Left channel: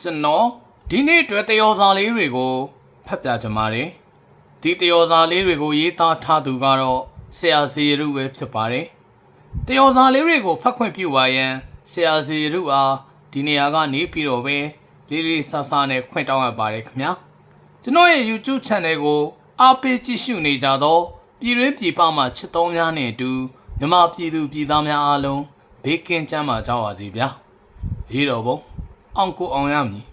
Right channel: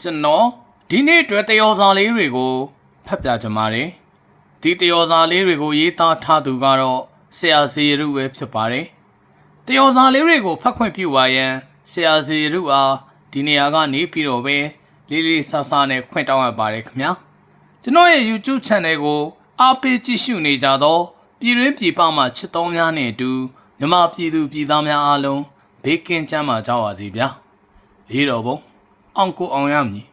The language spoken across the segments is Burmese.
ကျွန်တော်ဒီနေ့အတွက်တယောစာလေးတွေကိုဖတ်ပြချင်ပါတယ်ဒီတယောစာလေးတွေကိုရေးသားထားသူကတော့ဆရာစီရုပဲဖြစ်ပါတယ်တယောစာလေးတွေကိုဖတ်ခွင့်ပြုပါရန်ဆရာစီရုအားဒီနေရာကနေပြီးတော့ပဲလေးလေးဆဆနဲ့ခွင့်တောင်းရပါတယ်ခင်ဗျာကျွန်တော်ရဲ့ YouTube Channel ကိုအားပေးကြည့်ရှုနေကြတော့ပြည်တွင်းပြည်ပမှချစ်တော်များနဲ့အတူမြမပြည်သူပြည်သားများအားလုံးဘေးကင်းကြမ်းပါကြပါစေဗျာလေးတော်ဘုံ အောင်ကိုအောင်ရမည်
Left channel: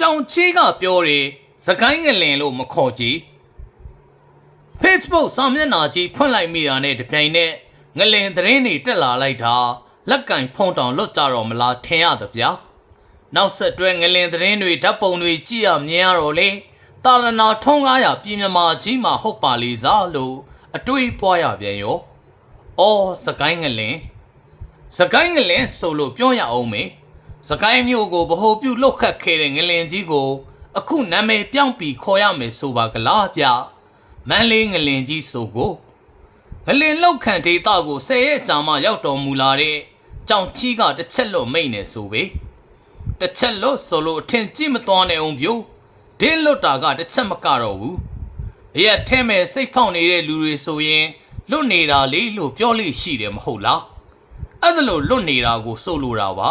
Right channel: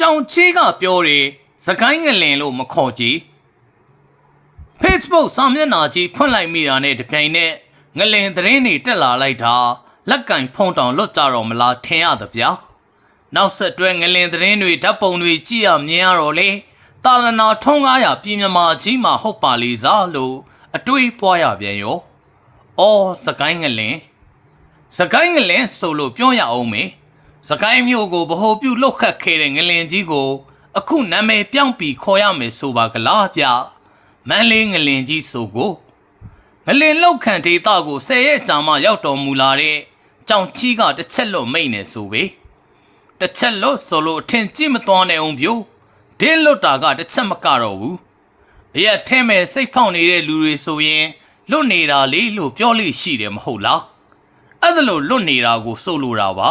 ကြောင်ချီးကပြောတယ် စကိုင်းငလင်လို့မခေါ်ကြည့် Facebook စာမျက်နှာကြီးဖွင့်လိုက်မိတာနဲ့တပြိုင်နက်ငလင်သတင်းတွေတက်လာလိုက်တာလက်ကင်ဖုံတောင်လွတ်ကြတော့မလားထင်ရသဗျာနောက်ဆက်တွဲငလင်သတင်းတွေဓာတ်ပုံတွေကြည့်ရမြင်ရတော့လေတာလနာထုံးကားရပြည်မြမာကြီးမှာဟုတ်ပါလေစားလို့အတွေးပွားရပြန်ရောအော်စကိုင်းငလင်စကိုင်းငလင်ဆိုလို့ပြောရအောင်မေစကိုင်းမျိုးကိုဗဟိုပြုတ်လုတ်ခတ်ခဲ့တဲ့ငလင်ကြီးကို အခုနာမည်ပြောင်းပြီးခေါ်ရမယ်ဆိုပါကလားဗျမန်းလေးငလင်ကြီးဆိုကိုငလင်လောက်ခံဒေတာကိုဆယ်ရက်ကြာမှရောက်တော်မူလာတဲ့ကြောင်ကြီးကတစ်ချက်လွတ်မိတ်နေဆိုပဲတစ်ချက်လွတ်ဆိုလို့အထင်ကြီးမသွားနဲ့အောင်ပြိုဒင်းလွတ်တာကတစ်ချက်မကတော့ဘူးအရက်ထဲမဲ့စိတ်ဖောက်နေတဲ့လူတွေဆိုရင်လွတ်နေတာလေလို့ပြောလို့ရှိတယ်မဟုတ်လားအဲ့ဒါလို့လွတ်နေတာကိုစိုးလို့တာပါ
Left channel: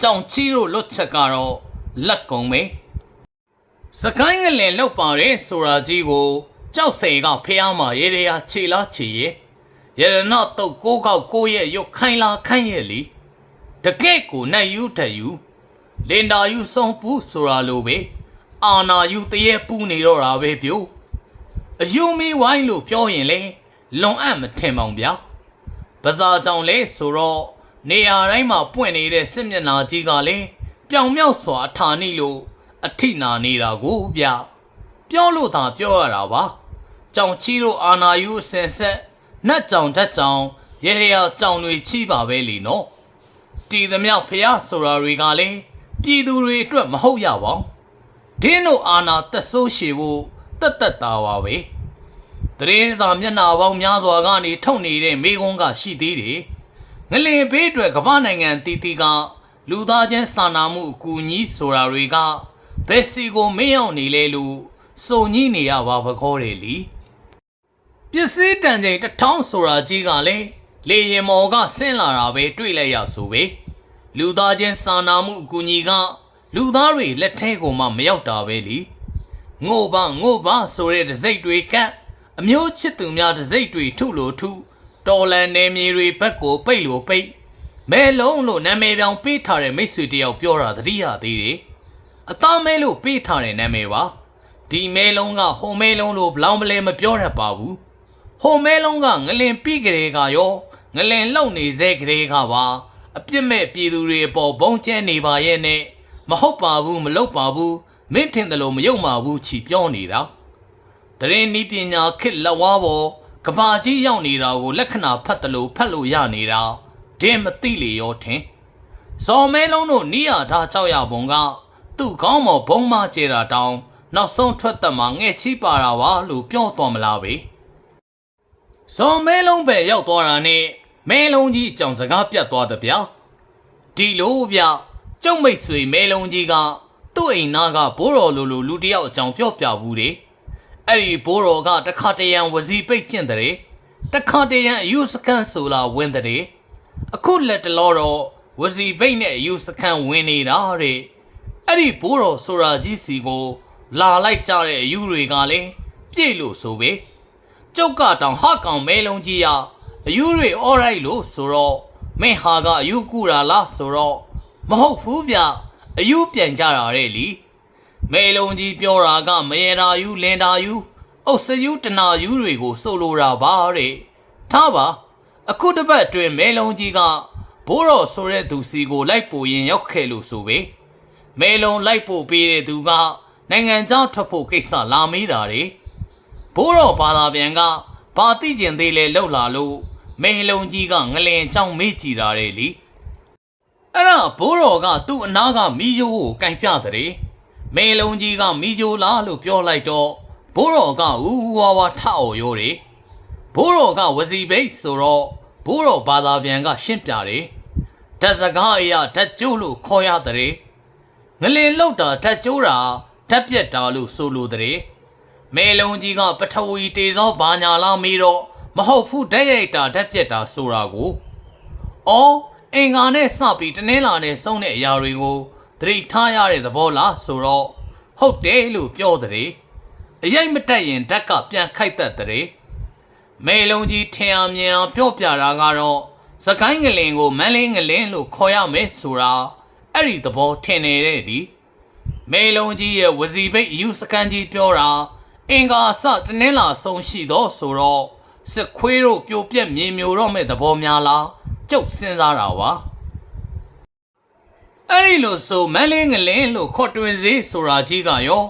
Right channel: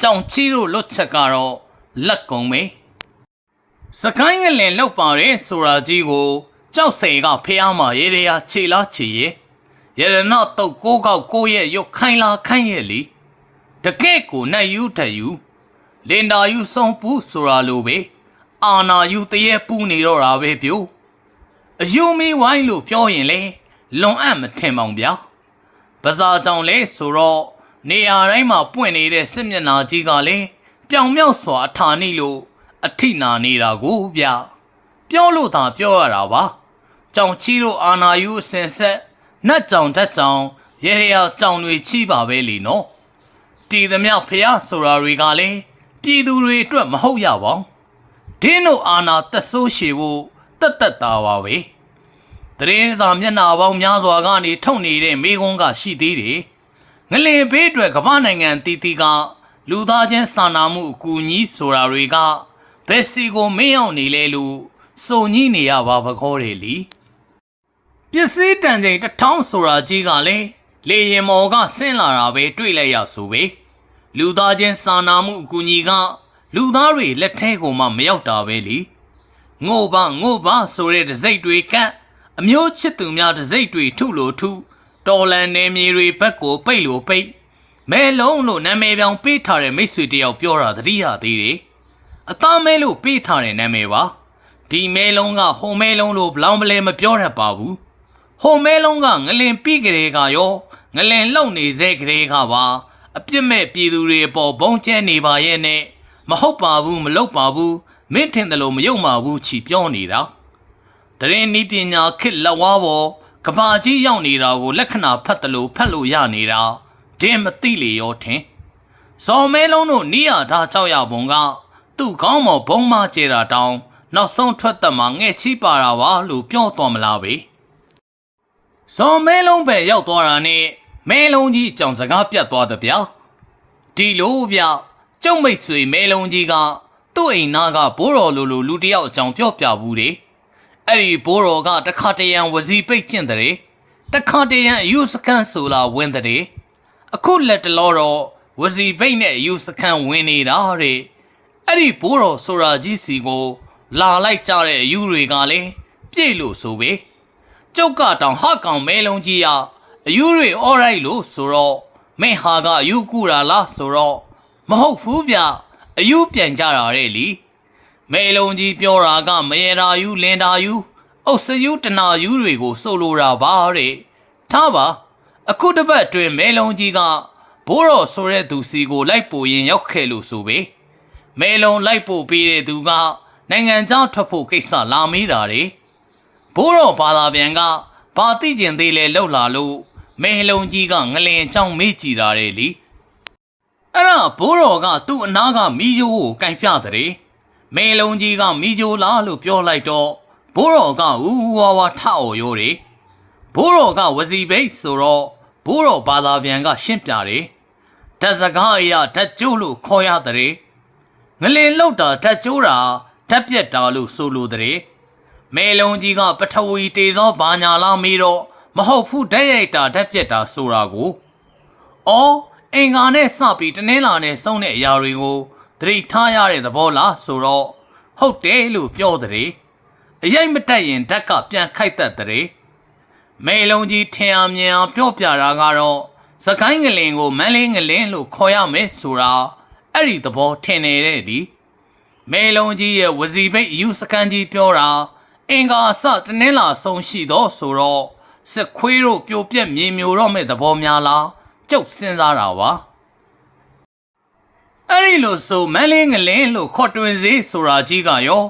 ကြောင်ချီတို့လွတ်ချက်ကတော့လက်ကုံပဲ စကိုင်းငလင်လောက်ပါတယ်ဆိုတာကြီးကိုကြောက်စိန်ကဖះမှာရေရရခြေလားခြေရရရနတော့ကိုးကောက်ကိုးရဲ့ရုတ်ခိုင်းလားခိုင်းရဲ့လीတကယ့်ကိုနဲ့ယူထယူလင်တာယူစုံပူဆိုတာလိုပဲအာနာယူတရေပူနေတော့တာပဲပြို့အယူမီဝိုင်းလို့ပြောရင်လေလွန်အပ်မထင်ပါဘူးဗျာပဇာကြောင့်လဲဆိုတော့နေရာတိုင်းမှာပွင့်နေတဲ့စစ်မျက်နှာကြီးကလည်းပြောင်မြောက်စွာအထာနိလို့ အထိနာနေတာကိုဗျပြောလို့သာပြောရတာပါကြောင်ချီတို့အာနာယူအစင်ဆက်နတ်ကြောင်ဓာတ်ကြောင်ရေရရကြောင်တွေချီပါပဲလीနော်တီသမျှဖះဆိုတာတွေကလည်းပြည်သူတွေအတွက်မဟုတ်ရပါဘူးဒင်းတို့အာနာသက်ဆိုးရှည်ဖို့တက်တက်တာပါပဲတရင်သာမျက်နှာပေါင်းများစွာကနေထုတ်နေတဲ့မိကုန်းကရှိသေးတယ်။ငလင်ဘေးအတွက်ကမ္ဘာနိုင်ငံတီတီကလူသားချင်းစာနာမှုအကူအညီဆိုတာတွေက ဘယ်စီကိုမင်းအောင်နေလဲလို့စုံညည်းနေရပါဘခေါ်တယ်လीပစ္စည်းတန်ချိန်တစ်ထောင်ဆိုတာကြီးကလည်းလေရင်မော်ကဆင်းလာတာပဲတွေ့လိုက်ရဆိုပဲလူသားချင်းစာနာမှုအကူအညီက လူသားတွေလက်ထဲကိုမှမရောက်တာပဲလीငိုပါငိုပါဆိုတဲ့တစိတ်တွေကန့်အမျိုးချစ်သူများတစိတ်တွေထုလို့ထုတော်လန်နေမြေတွေဘက်ကိုပိတ်လို့ပိတ်မဲလုံးလို့နာမည်ပြောင်ပေးထားတဲ့မိတ်ဆွေတယောက်ပြောတာသတိရသေးတယ် အသားမဲလို့ပေးထားတဲ့နာမည်ပါဒီမဲလုံးကဟိုမဲလုံးလို့ဘလောင်ပလဲမပြောတတ်ပါဘူးဟိုမဲလုံးကငလင်ပြီးကြတဲ့ကရောငလင်လုံနေစေကြတဲ့ကပါအပြစ်မဲ့ပြည်သူတွေအပေါ်ဘုံကျဲနေပါရဲ့နဲ့မဟုတ်ပါဘူးမလုပ်ပါဘူးမင်းထင်တယ်လို့မယုံပါဘူးချီပြောနေတာတရင်နီးပညာခစ်လက်ဝါးပေါ်ကဘာကြီးရောက်နေတာကိုလက္ခဏာဖတ်တယ်လို့ဖတ်လို့ရနေတာဒင်းမသိလေရောထင်ဇော်မဲလုံးတို့နီးရထားကြောက်ရပုံက သူ့ကောင်းမော်ဘုံမကျဲတာတောင်းနောက်ဆုံးထွက်သက်မှာငဲ့ချီပါတာပါလို့ပြောတော်မလားပဲဇော်မဲလုံးပဲရောက်သွားတာနဲ့မဲလုံးကြီးအကြောင်စကားပြတ်သွားတယ်ဗျာဒီလိုဗျကျုံမိတ်ဆွေမဲလုံးကြီးကသူ့အိမ်နာကဘိုးတော်လိုလိုလူတစ်ယောက်အကြောင်ပြောပြဘူးတယ်အဲ့ဒီဘိုးတော်ကတခါတရံဝစီပိတ်ကျင့်တဲ့တခါတရံအယူစခန်းဆိုလာဝင်တဲ့အခုလက်တလောတော့ဝစီပိတ်နဲ့အယူစခန်းဝင်နေတာတဲ့ အဲ့ဒီဘိုးတော်ဆိုရာကြီးစီကို လာလိုက်ကြတဲ့အယူတွေကလည်းပြည့်လို့ဆိုပဲကျုပ်ကတောင်ဟကောင်မဲလုံးကြီးရအယူတွေအော်ရိုက်လို့ဆိုတော့မင်းဟာကအယူကူတာလားဆိုတော့မဟုတ်ဘူးဗျအယူပြန်ကြတာတဲ့လीမေလုံးကြီးပြောတာကမရေတာယူလင်တာယူအုတ်စယူတနာယူတွေကိုစိုးလိုတာပါတဲ့ထားပါအခုတစ်ပတ်အတွင်းမေလုံးကြီးကဘိုးတော်ဆိုတဲ့သူစီကိုလိုက်ပို့ရင်ရောက်ခဲ့လို့ဆိုပဲ မေလုံးလိုက်ပို့ပေးတဲ့သူကနိုင်ငံခြားထွက်ဖို့ကိစ္စလာမေးတာတွေဘိုးတော်ဘာသာပြန်ကဘာသိကျင်သေးလဲလှုပ်လာလို့မေလုံးကြီးကငလင်ချောင်းမေးကြည့်တာတွေလीအဲ့ဒါဘိုးတော်ကသူ့အနာကမီးယိုးကိုကန်ပြတဲ့မေလုံးကြီးကမီးယိုးလားလို့ပြောလိုက်တော့ဘိုးတော်ကဝူဝါဝါထအော်ရိုးတယ်ဘိုးတော်ကဝစီဘိတ်ဆိုတော့ဘိုးတော်ဘာသာပြန်ကရှင်းပြတယ်ဓာတ်စကားအရာဓာတ်ကျိုးလို့ခေါ်ရတဲ့ ငလင်လောက်တာဓာတ်ကျိုးတာဓာတ်ပြက်တာလို့ဆိုလိုတဲ့မေလုံးကြီးကပထဝီတေသောဘာညာလားမေးတော့မဟုတ်ဘူးဓာတ်ရိုက်တာဓာတ်ပြက်တာဆိုတာကိုအော်အင်္ဂါနဲ့စပြီးတနင်္လာနဲ့စုံတဲ့အရာတွေကိုသတိထားရတဲ့သဘောလားဆိုတော့ဟုတ်တယ်လို့ပြောတဲ့အရိုက်မတက်ရင်ဓာတ်ကပြန်ခိုက်တတ်တဲ့မေလုံးကြီးထင်အောင်မြင်အောင်ပြောပြတာကတော့စကိုင်းငလင်ကိုမန်းလေးငလင်လို့ခေါ်ရမယ်ဆိုတာ အဲ့ဒီသဘောထင်နေတဲ့ဒီမေလုံးကြီးရဲ့ဝစီဘိတ်ယူစကန်ကြီးပြောတာအင်္ဂါစတနင်္လာဆုံးရှိတော့ဆိုတော့စစ်ခွေးတို့ပြိုပြက်မြေမျိုးတော့မဲ့သဘောများလားကျုပ်စဉ်းစားတာပါအဲ့ဒီလိုဆိုမန်းလေးငလင်းလို့ခေါ်တွင်စေဆိုတာကြီးကရော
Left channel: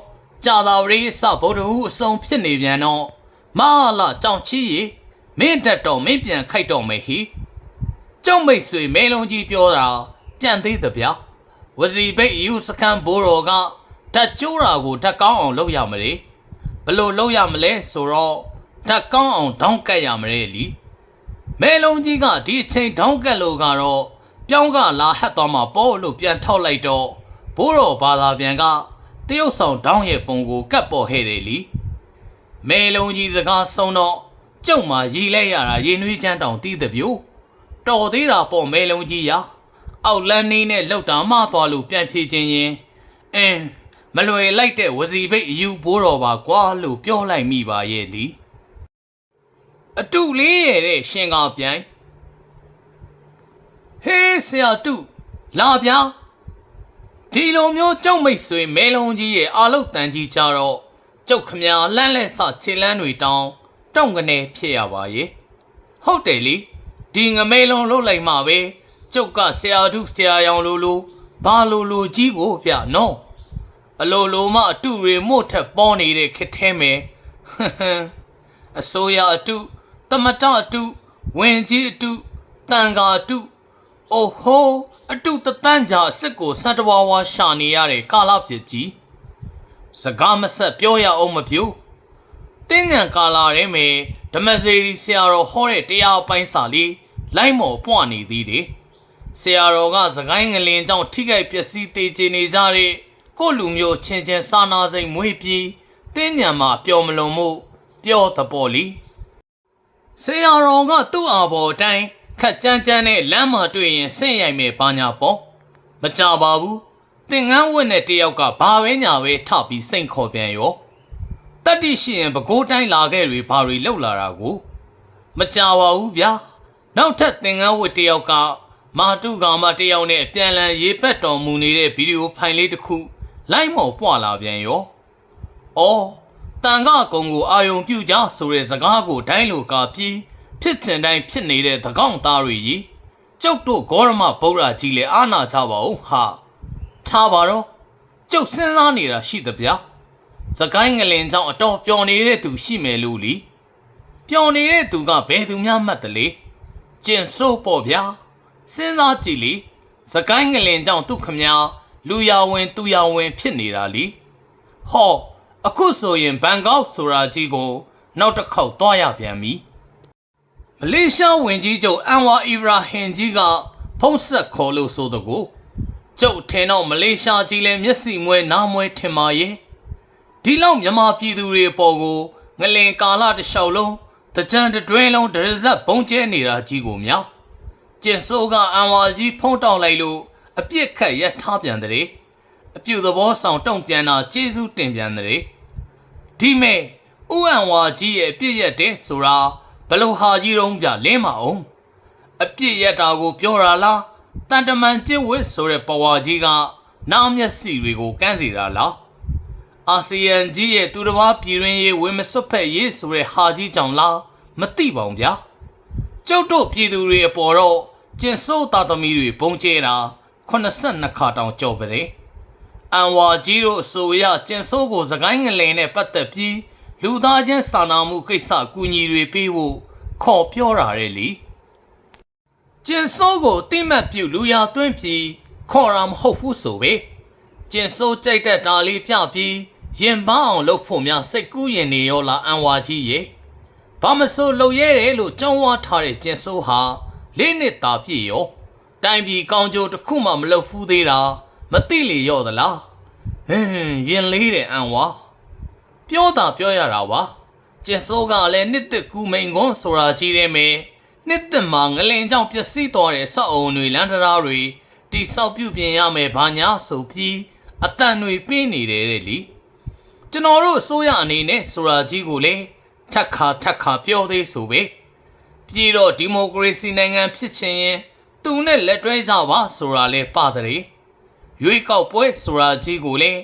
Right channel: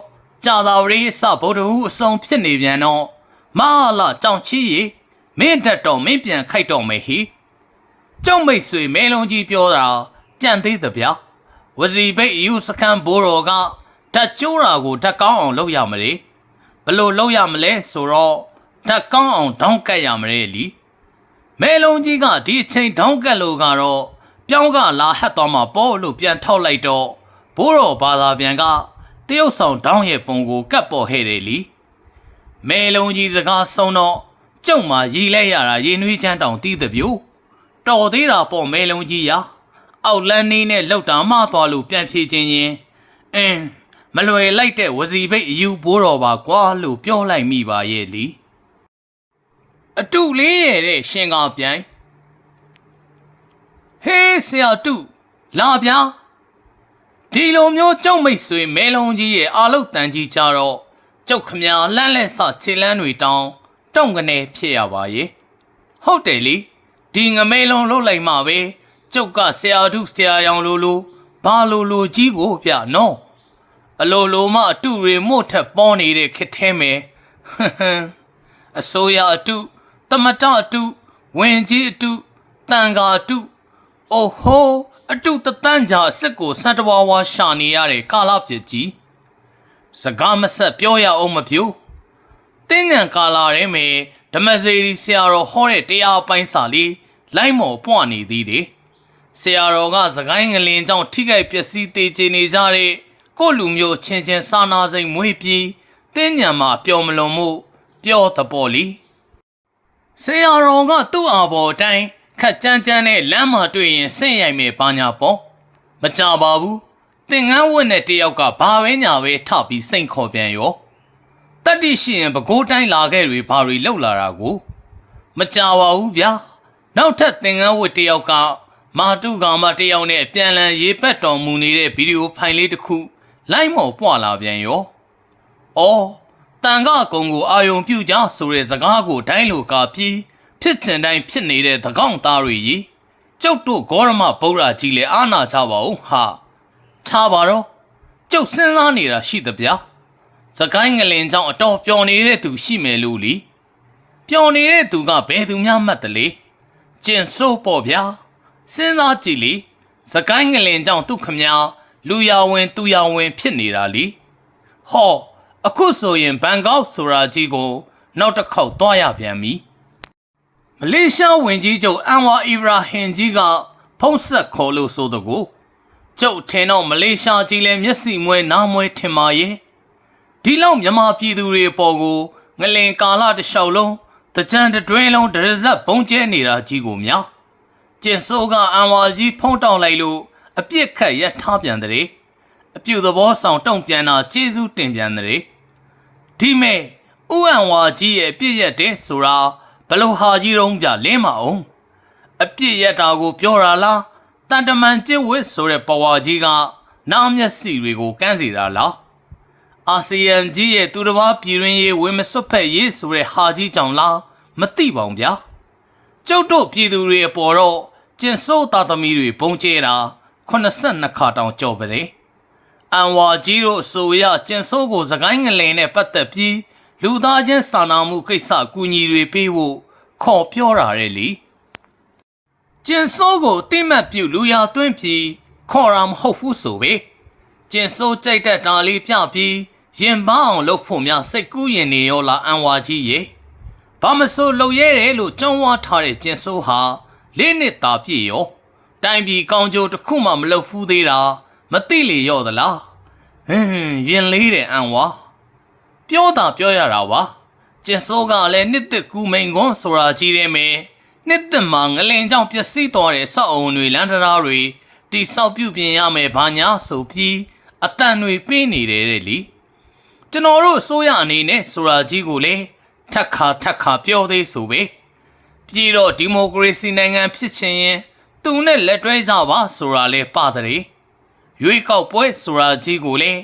ကြာသာဝရီစဗုဒ္ဓဟူအစုံဖြစ်နေပြန်တော့မဟာလာကြောင်ချီရီမင်းတက်တော့မင်းပြန်ခိုက်တော့မယ်ဟိကျောက်မိတ်ဆွေမဲလုံးကြီးပြောတာကြံသေးသဗျာ ဝစီဘိတ်ယူစကန်ဘိုးတော်ကဓာတ်ကျိုးတာကိုဓာတ်ကောင်းအောင်လုပ်ရမလဲဘလို့လုပ်ရမလဲဆိုတော့ဓာတ်ကောင်းအောင်တောင်းကတ်ရမလဲလीမဲလုံးကြီးကဒီအချိန်တောင်းကတ်လို့ကတော့ပြောင်းကလာဟတ်သွားမှာပေါ့လို့ပြန်ထောက်လိုက်တော့ဘိုးတော်ဘာသာပြန်ကတရုတ်ဆောင်တောင်းရဲ့ပုံကိုကတ်ပေါ်ဟဲ့တယ်လीမဲလုံးကြီးစကားဆုံးတော့ကျုံမှာရီလဲရတာရေနွေးချမ်းတောင်တီးတဲ့ပြိုတော်သေးတာပေါ့မဲလုံးကြီးရာ အောက်လန်းနေနဲ့လောက်တာမှသွားလို့ပြန်ဖြေခြင်းရင်အင်းမလွယ်လိုက်တဲ့ဝစီဘိတ်အယူဘိုးတော်ပါကွာလို့ပြောလိုက်မိပါရဲ့လीအတုလေးရဲ့တဲ့ရှင်ကောင်ပြိုင်ဟေးဆရာတုလာဗျာဒီလိုမျိုးကြောက်မိတ်ဆွေမဲလုံးကြီးရဲ့အာလုတ်တန်ကြီးကြတော့ကြောက်ခမညာလန့်လက်ဆခြေလန်းတွေတောင်းတောင့်ကနေဖြစ်ရပါရဲ့ဟုတ်တယ်လीဒီငမဲလုံးလှုပ်လိုက်မှပဲ ကျုပ်ကဆရာတုဆရာရောင်လိုလိုဘာလိုလိုကြီးကိုဗျနော်အလိုလိုမှအတုတွေမို့ထက်ပေါနေတဲ့ခက်ထဲမယ်ဟမ်ဟမ်အစိုးရအတုတမတအတုဝင်ကြီးအတုတန်ဃာအတုအိုဟိုအတုတတန်းကြာအစ်စ်ကိုစံတဝါဝါရှာနေရတဲ့ကာလပြစ်ကြီးစကားမဆက်ပြောရအောင်မပြူတင်းညံကာလာရဲမယ်ဓမ္မစေရီဆရာတော်ဟောတဲ့တရားပိုင်းစာလေးလိုက်မော်ပွားနေသေးတယ် ဆရာတော်ကစကိုင်းငလင်ကြောင့်ထိခိုက်ပျက်စီးသေးချင်နေကြတဲ့ကိုလူမျိုးချင်းချင်းစာနာစိတ်မွေးပြီးတင်းညံမှာပျော်မလွန်မှုပျော်တပေါ်လီဆရာတော်ကသူ့အာဘော်တိုင်းခက်ကြမ်းကြမ်းနဲ့လမ်းမှာတွေ့ရင်ဆင့်ရိုက်မယ်ဘာညာပေါ့မကြပါဘူးသင်္ကန်းဝတ်နဲ့တယောက်ကဘာပဲညာပဲထပြီးစိတ်ခေါ်ပြန်ရောတတ္တိရှိရင်ပကိုးတိုင်းလာခဲ့တွေဘာတွေလောက်လာတာကို မကြပါဘူးဗျာနောက်ထပ်သင်္ကန်းဝတ်တယောက်က မာတုကောင်မတယောက်နဲ့အပြန်လန်ရေးပတ်တော်မူနေတဲ့ဗီဒီယိုဖိုင်လေးတစ်ခုလိုက်မော်ပွာလာပြန်ရော။အော်တန်ကကုံကိုအာယုံပြုကြဆိုတဲ့စကားကိုတိုင်းလိုကာပြီးဖြစ်ချင်တိုင်းဖြစ်နေတဲ့သကောင့်သားတွေကြီးကျုပ်တို့ဂေါရမဗုဒ္ဓကြီးလည်းအာနာကြပါဦးဟာထားပါတော့ကျုပ်စဉ်းစားနေတာရှိသဗျာစကိုင်းငလင်ကြောင့်အတော်ပျော်နေတဲ့သူရှိမယ်လို့လीပျော်နေတဲ့သူကဘယ်သူများမှတ်တလေကျင်စိုးပေါ့ဗျာ စဉ်းစားကြည့်လေစကိုင်းငလင်ကြောင့်သူခမညာလူရဝင်သူရဝင် ဖြစ်နေတာလीဟောအခုဆိုရင်ဘန်ကောက်ဆိုတာကြီးကို နောက်တစ်ခေါက်သွားရပြန်ပြီမလေးရှားဝင်ကြီးချုပ်အန်ဝါအီဘရာဟင်ကြီးက ဖုံးဆက်ခေါ်လို့ဆိုတကူကျုပ်ထင်တော့မလေးရှားကြီးလည်းမျက်စိမွဲနားမွဲထင်ပါရဲ့ဒီလောက်မြန်မာပြည်သူတွေအပေါ်ကိုငလင်ကာလတစ်လျှောက်လုံးတကြံတွဲလုံးဒရဇက်ဘုံကျဲနေတာကြီးကိုများကျ င်စိုးကအန်ဝါကြီးဖုံးတောက်လိုက်လို့အပြစ်ခတ်ရထားပြန်တဲ့အပြူသဘောဆောင်တုံ့ပြန်တာကျေးဇူးတင်ပြန်တဲ့ဒီမဲ့ဥအံဝါကြီးရဲ့အပြစ်ရက်တဲ့ဆိုတာဘလို့ဟာကြီးတုံးပြလင်းမအောင်အပြစ်ရက်တာကိုပြောတာလားတန်တမန်ကျစ်ဝစ်ဆိုတဲ့ပဝါကြီးကနားမျက်စိတွေကိုကန်းစီတာလားအာဆီယံကြီးရဲ့သူတစ်ပါးပြည်ရင်းရေးဝင်းမစွတ်ဖက်ရေးဆိုတဲ့ဟာကြီးကြောင့်လားမသိပါဘူးဗျာ ကျုပ်တို့ပြည်သူတွေအပေါ်တော့ကျင်စိုးသားသမီးတွေပုံကျဲတာ82ခါတောင်ကြော်ပတယ်အန်ဝါကြီးတို့အဆိုအရကျင်ဆိုးကိုစကိုင်းငလင်နဲ့ပတ်သက်ပြီးလူသားချင်းစာနာမှုကိစ္စအကူအညီတွေပေးဖို့ခေါ်ပြောတာတဲ့လीကျင်ဆိုးကိုတိမှတ်ပြုလူရသွင်းပြီးခေါ်တာမဟုတ်ဘူးဆိုပဲကျင်ဆိုးကြိုက်တဲ့ဒါလေးပြပြီးရင်ပန်းအောင်လုပ်ဖို့များစိတ်ကူးရင်နေရောလားအန်ဝါကြီးရေ ဘာမဆိုလုံရဲတယ်လို့ကြုံဝါထားတဲ့ကျင်ဆိုးဟာလေးနှစ်သာပြည့်ရောတိုင်ပြည်ကောင်းကျိုးတစ်ခုမှမလုပ်ဖူးသေးတာမသိလေရော့သလားဟင်းရင်လေးတယ်အန်ဝါပြောတာပြောရတာပါကျင်စိုးကလည်းနှစ်သက်ကူမိန်ကွန်းဆိုတာကြီးတယ်မယ်နှစ်သက်မှာငလင်ကြောင့်ပျက်စီးသွားတဲ့စောက်အုံတွေလမ်းတရားတွေတိဆောက်ပြုပြင်ရမယ်ဘာညာဆိုပြီးအတန်တွေပေးနေတယ်တဲ့လीကျွန်တော်တို့စိုးရအနေနဲ့ဆိုတာကြီးကိုလည်း ထက်ခါထက်ခါပြောသေးဆိုပဲပြည်တော့ဒီမိုကရေစီနိုင်ငံဖြစ်ချင်ရင်သူနဲ့လက်တွဲကြပါဆိုတာလဲပါတဲ့ရွေးကောက်ပွဲဆိုတာကြီးကိုလည်း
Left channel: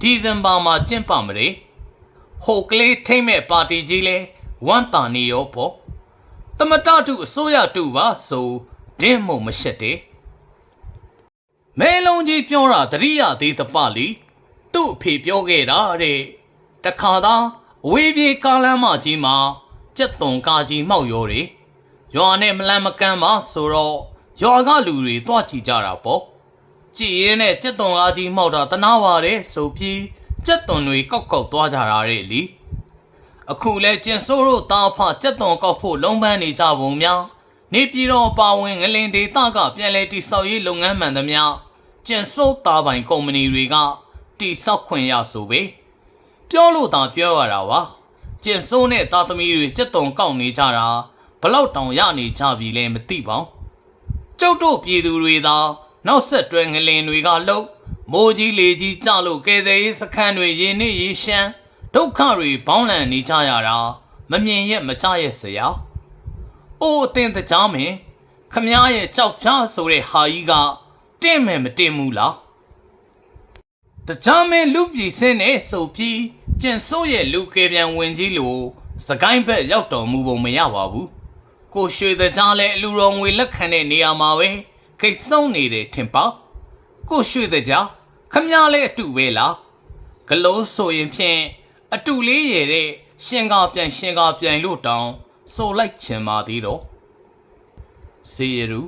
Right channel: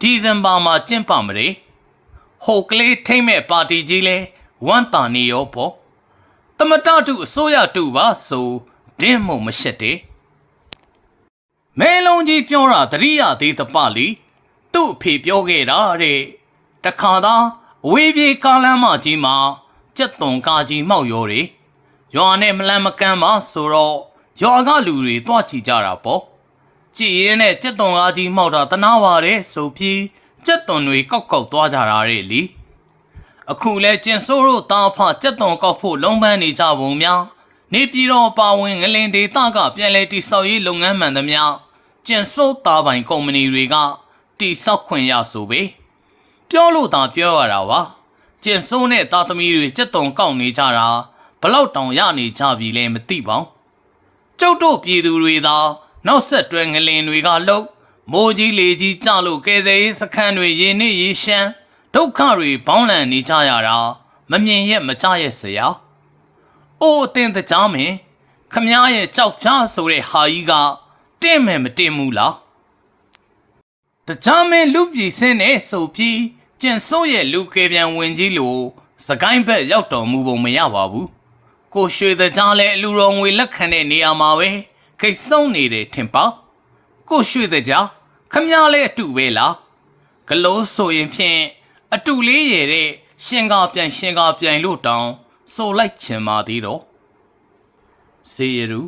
ဒီဇင်ဘာမှာကျင်းပမတယ်ဟိုကလေးထိမ့်မဲ့ပါတီကြီးလဲဝမ်တာနေရောပေါ့တမတတုအစိုးရတူပါဆိုဒင်းမို့မရှက်တဲ့မဲလုံးကြီးပြောတာတရိယာသေးတပလီသူ့အဖေပြောခဲ့တာတဲ့တခါသား အဝေးပြေးကားလမ်းမကြီးမှာကြက်သွန်ကားကြီးမောက်ရောတယ်ရွာနဲ့မလန်းမကန်းပါဆိုတော့ရွာကလူတွေတွားကြည့်ကြတာပေါ့ကြည်ရင်နဲ့ကြက်သွန်ကားကြီးမှောက်တာတနာပါတယ်ဆိုပြီးကြက်သွန်တွေကောက်ကောက်သွားကြတာတဲ့လीအခုလဲကျင်ဆိုးတို့တာဖကြက်သွန်ကောက်ဖို့လုံးပန်းနေကြပုံများနေပြည်တော်ပါဝင်ငလင်ဒေသကပြန်လဲတိဆောက်ရေးလုပ်ငန်းမှန်သမျှကျင်ဆိုးတာပိုင်ကုမ္ပဏီတွေကတိဆောက်ခွင့်ရဆိုပဲ ပြောလို့သာပြောရတာပါကျင်ဆိုးနဲ့တာသမီတွေကြက်သွန်ကောက်နေကြတာဘလောက်တောင်ရနေကြပြီလဲမသိပါဘူးကျုပ်တို့ပြည်သူတွေသာနောက်ဆက်တွဲငလင်တွေကလှုပ်မိုးကြီးလေကြီးကြလို့ကယ်ဆယ်ရေးစခန်းတွေရေနစ်ရေရှမ်းဒုက္ခတွေဘောင်းလန်နေကြရတာမမြင်ရက်မကြရက်စရာ။အိုးအတင်တကြားမင်းခမားရဲ့ကြောက်ဖြားဆိုတဲ့ဟာကြီးကတင့်မယ်မတင်ဘူးလား။ တကြားမင်းလူပြည်စင်းနဲ့ဆိုပြီးကျင်ဆိုးရဲ့လူကေပြန်ဝင်ကြီးလို့စကိုင်းဘက်ရောက်တော်မူပုံမရပါဘူး။ကိုရွှေတကြားလဲအလူတော်ငွေလက်ခံတဲ့နေရာမှာပဲခိတ်ဆုံးနေတယ်ထင်ပါကိုရွှေတကြားခမည်းလဲအတူပဲလားဂလုံးဆိုရင်ဖြင့်အတူလေးရတဲ့ရှင်ကားပြန်ရှင်ကားပြန်လို့တောင်းဆိုလိုက်ချင်ပါသေးတော့စေရူ